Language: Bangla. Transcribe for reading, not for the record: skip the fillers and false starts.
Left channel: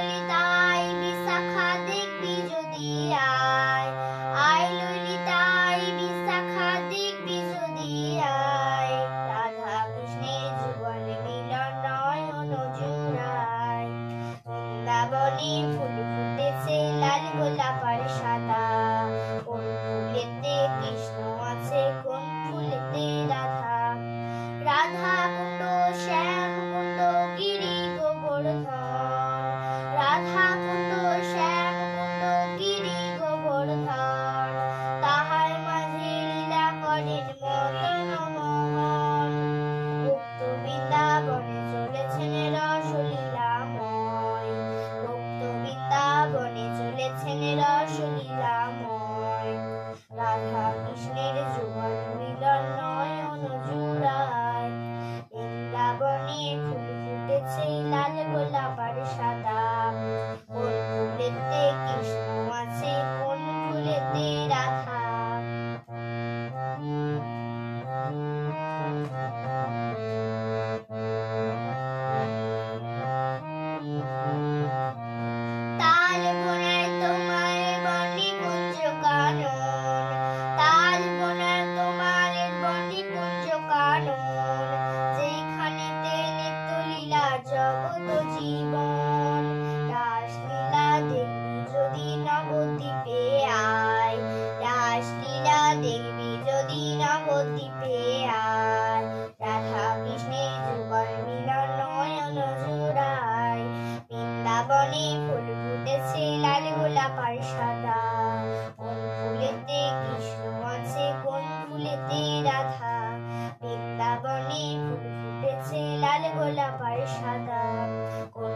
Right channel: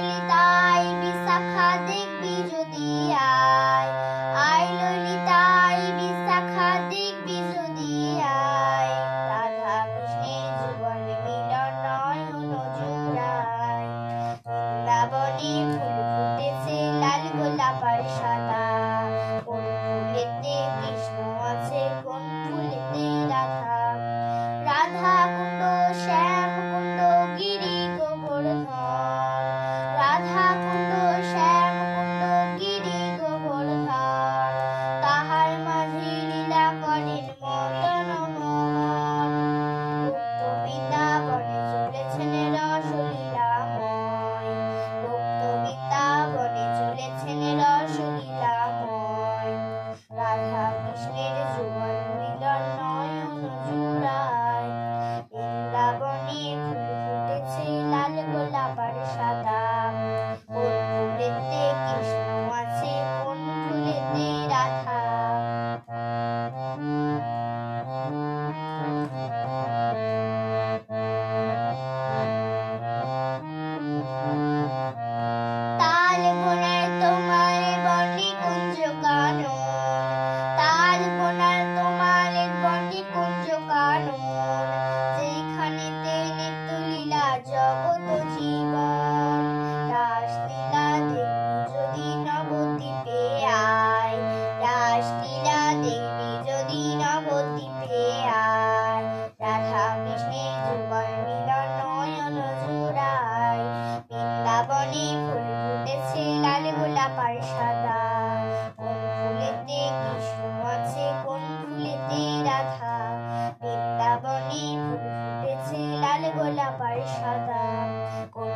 ললিতাই বিশাখা দেখবি যদি আয়, আয় ললিতাই বিশাখা দেখবি যদি আয়, রাধা কৃষ্ণের যুগল মিলন নয়ন জুড়ায়। বৃন্দাবনে ফুল ফুটেছে লাল গোলাপ আর সাদা, কোন ফুলেতে কৃষ্ণ আছে কোন ফুলেতে রাধা। রাধা কুণ্ড শ্যাম কুণ্ড গিরি গোবর্ধন, রাধা কুণ্ড শ্যাম কুণ্ড গিরি গোবর্ধন, তাহার মাঝে লীলা করেন মদন মোহন। গুপ্ত বৃন্দাবনে চলেছেন রসলীলাময়, গুপ্ত বৃন্দাবনে চলেছেন রসলীলাময়, রাধা কৃষ্ণের যুগল মিলন নয়ন জুড়ায়। বৃন্দাবনে ফুল ফুটেছে লাল গোলাপ আর সাদা, কোন ফুলেতে কৃষ্ণ আছে কোন ফুলেতে রাধা। তাল বোনার তোমার বনে কুঞ্জ কানন, তাল বোনার তোমার বনে কুঞ্জ কানন, যেখানেতে নিত্য লীলা জগৎ জীবন। রাসলীলা দেখবি যদি নবদ্বীপে আয়, রাসলীলা দেখবি যদি নবদ্বীপে আয়, রাধা কৃষ্ণের যুগল মিলন নয়ন জুড়ায়। বৃন্দাবনে ফুল ফুটেছে লাল গোলাপ আর সাদা, কোন ফুলেতে কৃষ্ণ আছে কোন ফুলেতে রাধা। বৃন্দাবনে ফুল ফুটেছে লাল গোলাপ আর সাদা, কোন